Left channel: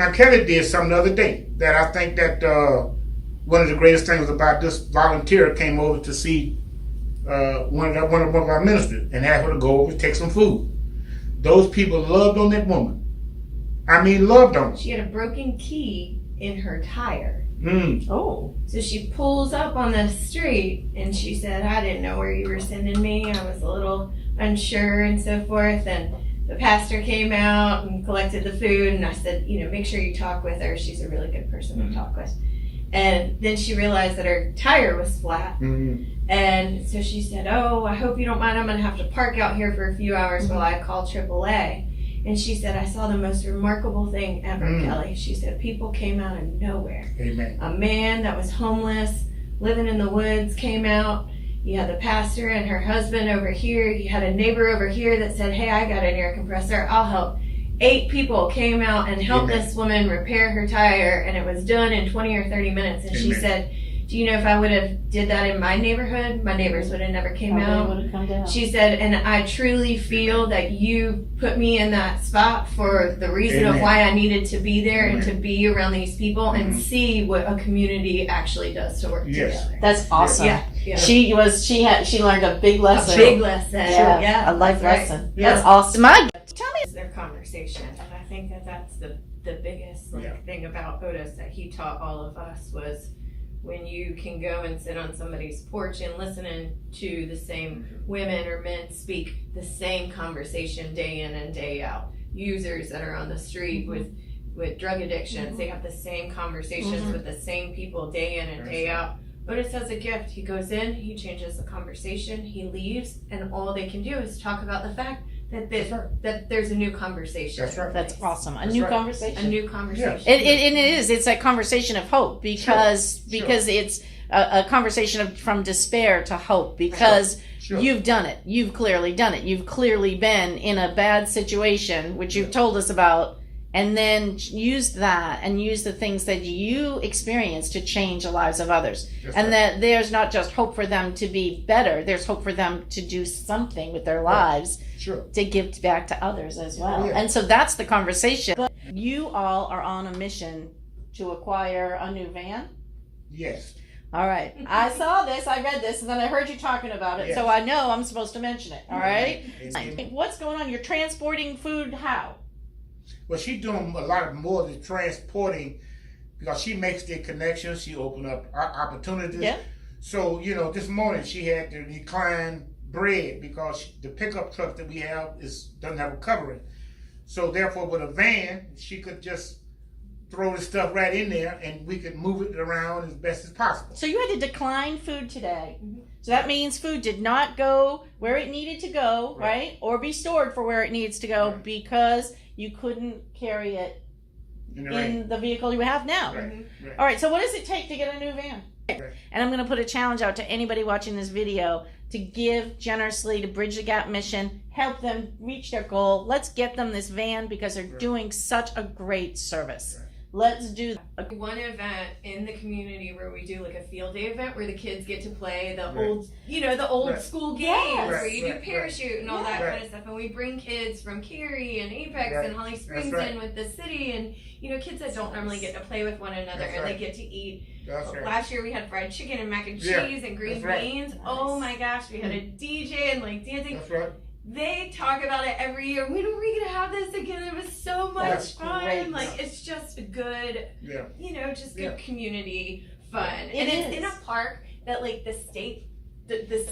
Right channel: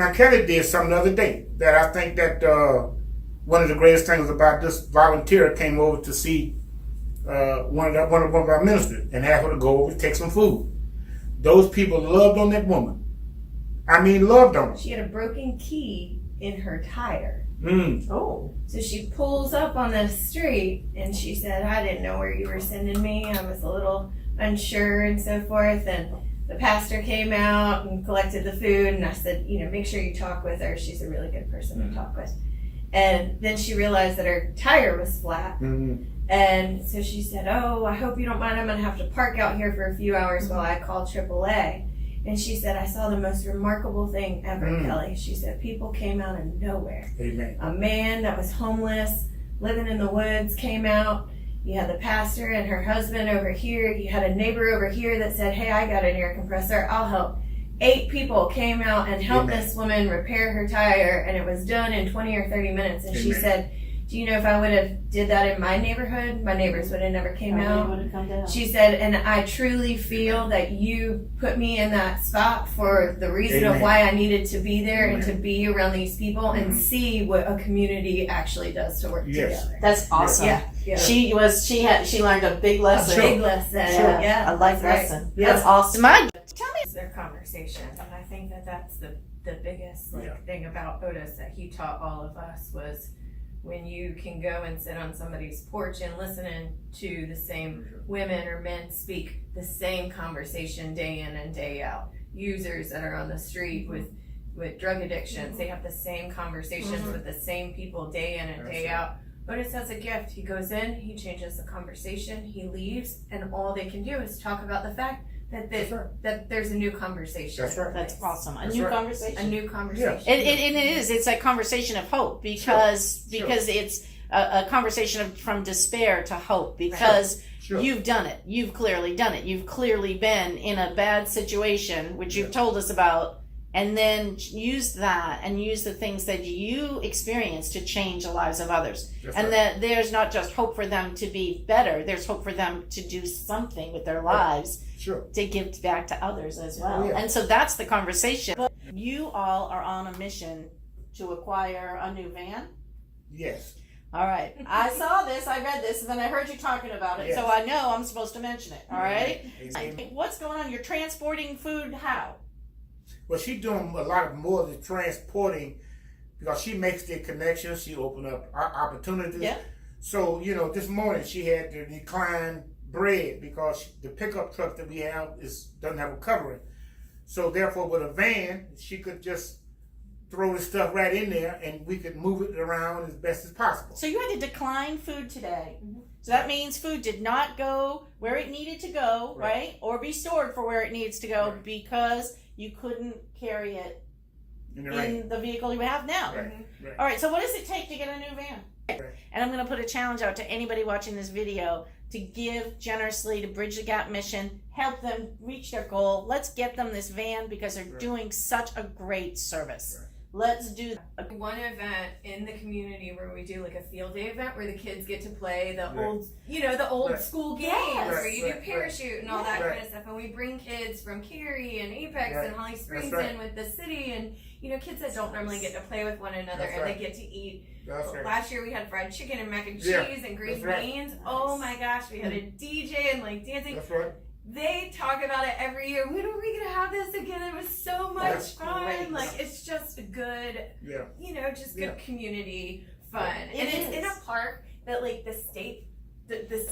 Now, Kelly did something the other day that I think that one of the greatest things about this volunteer came over to see one of our ministers and asked her to go over and take some food. Those people loved on that woman. I mean, loved on her. She had a broken key in her tire. Oh. So she pulls up on the street and she said, I didn't know where you were sending me. I was a little unsure and so forth. And the pastor came out and collected the food. And I said, make sure you talk with her. She's a really good person to talk with. And then she realized that her tire was flat. And so she said, oh, I hope you don't mind. I'm going to have to park out here for a few hours while I call AAA. And she said, I saw the most remarkable thing ever, Kelly. She said, people came out of nowhere. Amen. A man that was homeless, living in the woods, came out. You had the pastor and her husband over here. You had a neighbor over here that said, hey, I got an air compressor. I'll help. 8 people came out and helped this woman repair her tire, and it was done in 20 or 30 minutes. And she said, do you know if I would have did that in my neighborhood, my neighbors would have never came out. She said, and I truly feel that you put me in that spot for the reason of why I needed to be there and to be around these people and see what a community actually does to work together. That's awesome. Yeah. She learned a big lesson. A big lesson. Sure. Yeah. A life lesson. Right. That's awesome. Tell me their conversation, and I think that that's the biggest thing about Otis that he taught all of us was when you can go and sit on somebody's porch and listening to the same women or men speak the same conversation day in and day out. Users that are on the street with drug addictions, they have the same conversations with the same people day in and day out. Otis has a gift. He goes in, he changes the conversation, he leaves, and all they can do is talk about the fact that there's a new conversation. That's right. That's awesome. A new conversation. A new conversation. It is. It's a conversation of hope because it's a conversation from despair to hope because you've done it. You've clearly done it. You've clearly been in a bad situation, which you've told us about, and then use that and use the things that you experienced to change the lives of others. That there's not just hope for them to be better, there's hope for them to do something with their lives to give back to others as well. And so that's the conversation. But you all are on a mission to acquire a new van? Yes. All right. I saw this, I read this, and then I heard you talking about it, so I know I'm supposed to mention it. All right? What's going on? You're transporting food how? Well, she's doing a lot more of the transporting because she makes the connections. She opened up opportunities. Yeah. So, this morning she had to decline bread because the pickup truck that we have doesn't have a covering. So, therefore, with a van, she could just throw the stuff right in there and we could move it around as best as possible. So you had to decline food today. So that means food did not go where it needed to go, right? Or be stored for where it needs to go because you couldn't carry it in the vehicle you have now. All right, so what does it take to get a new van? And I'm going to put a challenge out to anybody watching this video to give generously to Bridge the Gap mission, help them reach their goal. Let's get them this van because they're doing such a great service. Let's do one event in the community where we do like a field day event where the kids get to play the old school games where you do parachute and all that kind of stuff, and we bring kids from Cary and Apex and Holly Springs in with the city, and kids that don't normally get to play with one another and they get to eat. Last year we had fried chicken and mac and cheese and green beans. Oh my gosh, we had a DJ and like dancing. That's right. They talk about it every year. When are we gonna have this again? It was so much fun. Great. Like it's just a good, good community fun. And it's in a park that like the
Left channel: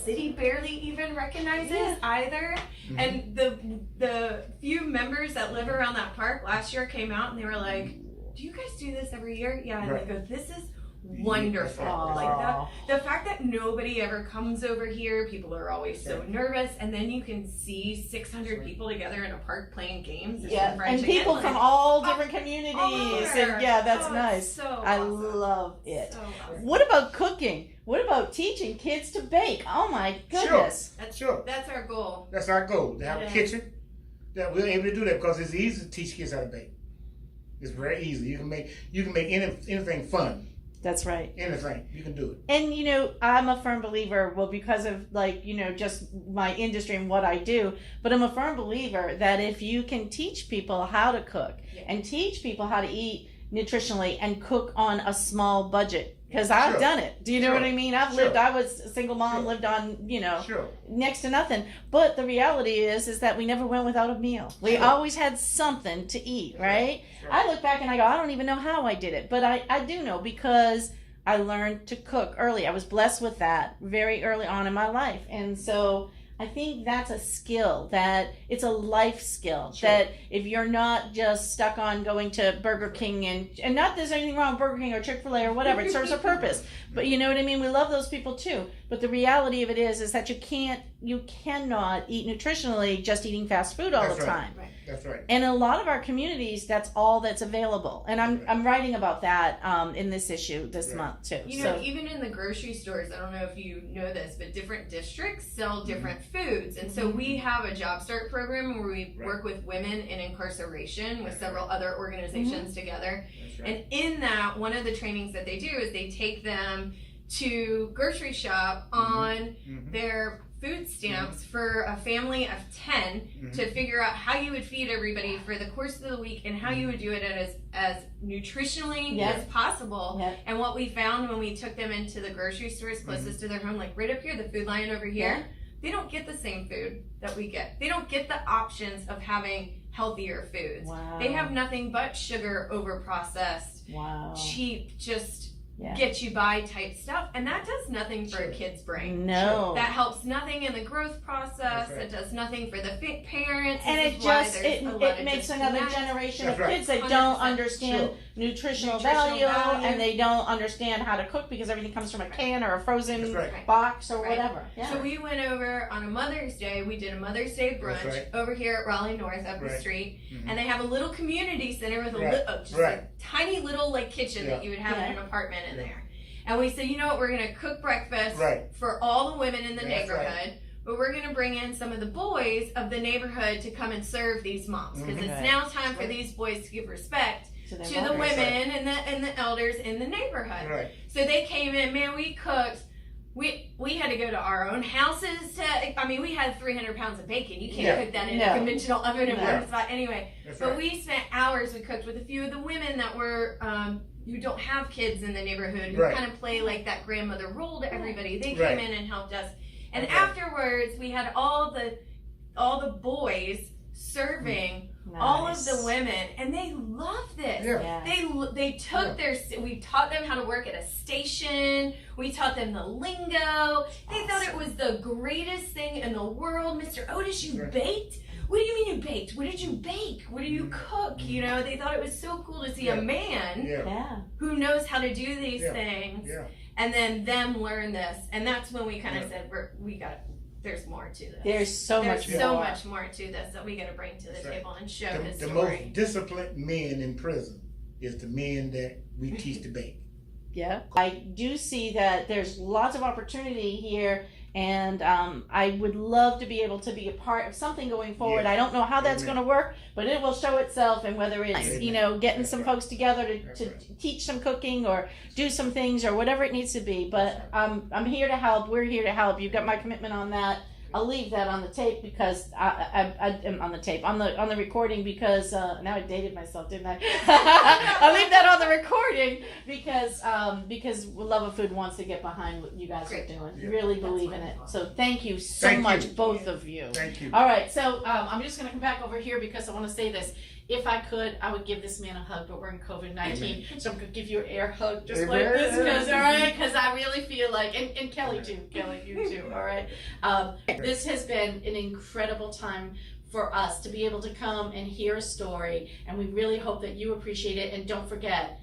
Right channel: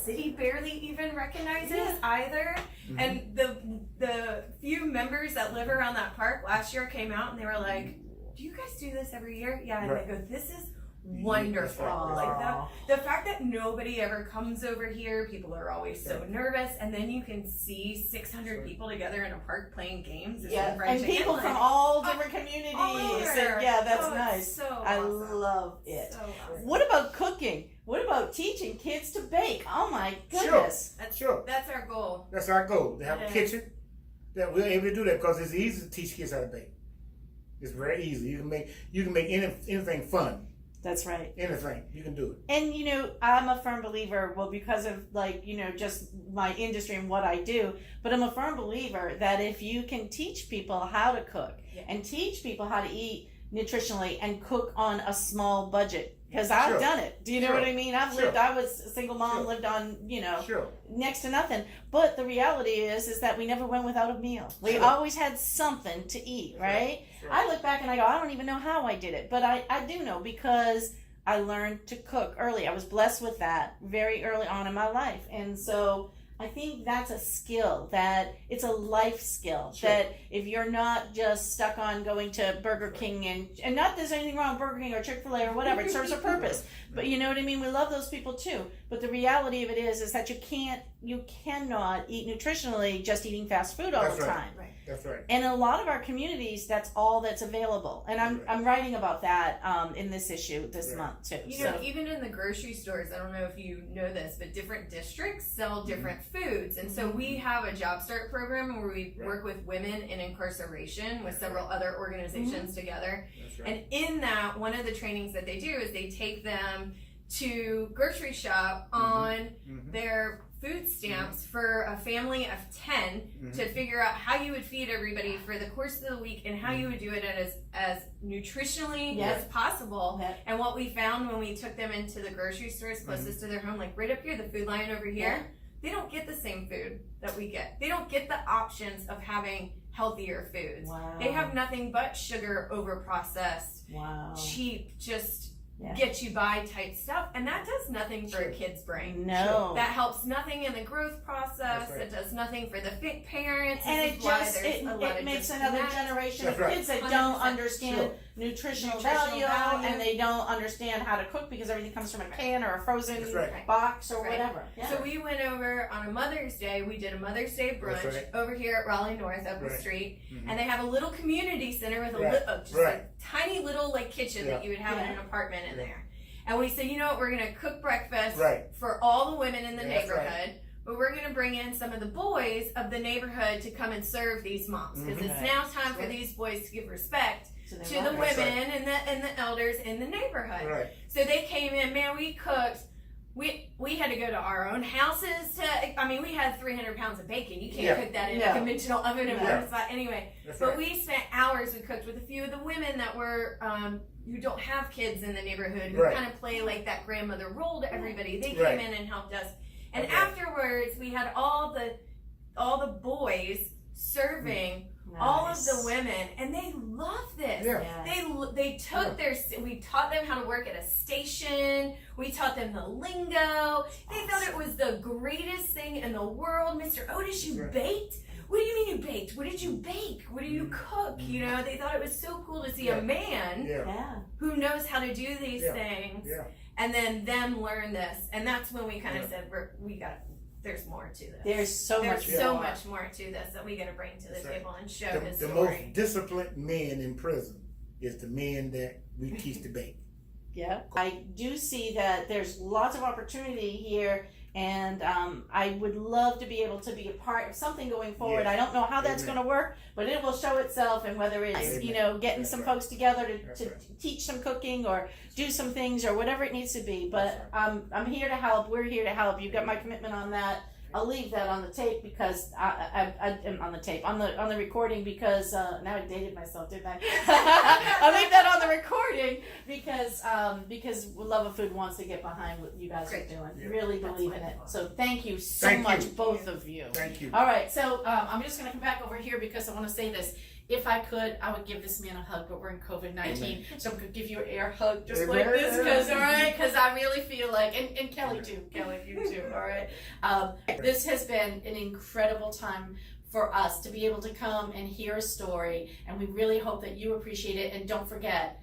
city barely even recognizes either. And the few members that live around that park last year came out and they were like, "Do you guys do this every year?" Yeah. And they go, "This is wonderful." Like the fact that nobody ever comes over here, people are always so nervous, and then you can see 600 people together in a park playing games and people from all different communities and that's nice. So awesome. I love it. So awesome. What about cooking? What about teaching kids to bake? Oh my goodness. That's our goal. That's our goal, to have a kitchen that we're able to do that because it's easy to teach kids how to bake. It's very easy. You can make anything fun. That's right. Anything, you can do it. And you know, I'm a firm believer, well, because of like, you know, just my industry and what I do, but I'm a firm believer that if you can teach people how to cook and teach people how to eat nutritionally and cook on a small budget, because I've Sure. done it. Do you know Sure. what I mean? I was a single mom, Sure. lived on, you know, Sure. next to nothing. But the reality is that we never went without a meal. We Sure. always had something to eat, right? Sure. I look back and I go, I don't even know how I did it, but I do know because I learned to cook early. I was blessed with that very early on in my life. And so I think that's a skill, that it's a life skill, Sure. that if you're not just stuck on going to Burger King and not there's anything wrong with Burger King or Chick-fil-A or whatever, it serves a purpose. But you know what I mean? We love those people too. But the reality of it is that you cannot eat nutritionally just eating fast food all That's the right. time. That's right. And in a lot of our communities, that's all that's available. And I'm writing about that in this issue this month too. You know, even in the grocery stores, I don't know if you know this, but different districts sell different foods. And so we have a Job Start program where we work with women in incarceration with several other organizations together. That's right. And in that, one of the trainings that they do is they take them to grocery shop on their food stamps for a family of 10 to figure out how you would feed everybody for the course of the week and how you would do it as nutritionally as possible. Yeah. And what we found when we took them into the grocery stores closest to their home, like right up here, the Food Lion over here, they don't get the same food that we get. They don't get the options of having healthier foods. Wow. They have nothing but sugar, over processed, Wow. cheap, just Yeah. get you by type stuff, and that does nothing for a kid's brain. No. That helps nothing in the growth process. That's right. It does nothing for the parents. And This it is why just there's a lot it of makes another disconnect. generation That's of right. kids that 100%. don't understand Sure. nutritional Nutritional value, value. and they don't understand how to cook because everything comes from a can or a frozen That's right. box or Right. whatever. Yeah. So we went over on a Mother's Day. We did a Mother's Day brunch That's right. over here at Raleigh North up the Right. street, and they have a little community center with Right. just Right. a tiny little like kitchen Yeah. that you would have in Yeah. an apartment in Yeah. there. And we said, you know what, we're gonna cook breakfast Right. for all the women in the That's right. neighborhood. But we're going to bring in some of the boys of the neighborhood to come and serve these moms because it's Right. now time for these boys to give respect their to the mothers. That's women and the elders in the neighborhood. Right. So they came in, man, we cooked. We had to go to our own houses to. I mean, we had 300 pounds of bacon. You can't Yeah. cook that in No. a conventional oven and No. warm spot anyway. That's But right. we spent hours. We cooked with a few of the women that were who don't have kids in the neighborhood who Right. kind of play like that grandmother role to everybody. They Right. came in and helped us. And Okay. afterwards, we had all the boys serving all of Nice. the women, and they loved this. Yeah. Yeah. They took we taught them how to work at a station. We taught them the lingo. They thought it was the greatest thing in the world. Mr. Otis, you Right. baked? What do you mean you baked? What did you bake? What do you cook? You know, they thought it was so cool to see Yeah. a man Yeah. Yeah. who knows how to do these Yeah. things, Yeah. and then them learn this. And that's when we kind of Yeah. said, there's more to this. There's so There's much so more. much more to this that we got to bring to the That's right. table and show The, his the story. most disciplined men in prison is the men that we teach to bake. Yeah. I do see that there's lots of opportunity here, and I would love to be able to be a part of something going forward. Yeah. I don't know how that's Amen. going to work, but it will show itself, and whether it's, Amen. you know, getting That's some right. folks together That's to right. teach some cooking or do some things or whatever it needs to be. But That's I'm here to help. We're here to help. You've got my commitment on that. I'll leave that on the tape because I am on the tape on the recording because now I dated myself, didn't I? I'll leave that on the recording because Love of Food wants to get behind what you guys Great. are doing. Yeah. Really That's believe in it. wonderful. So thank you so Thank much, you. both of you. Thank you. All right, so I'm just going to come back over here because I want to say this. If I could, I would give this man a hug, but we're in COVID-19, so I'm going to give you an air hug just like Amen. this, because I really feel like, and Kelly too, Kelly, you too, all right? This has been an incredible time for us to be able to come and hear a story, and we really hope that you appreciate it. And don't forget,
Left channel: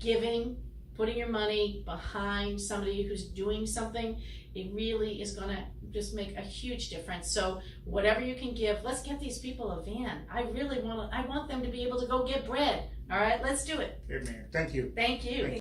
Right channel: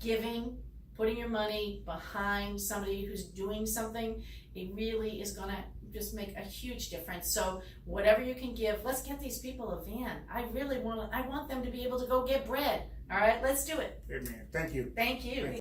giving, putting your money behind somebody who's doing something, it really is going to just make a huge difference. So whatever you can give, let's get these people a van. I want them to be able to go get bread. All right, let's do it. Amen. Thank you. Thank you.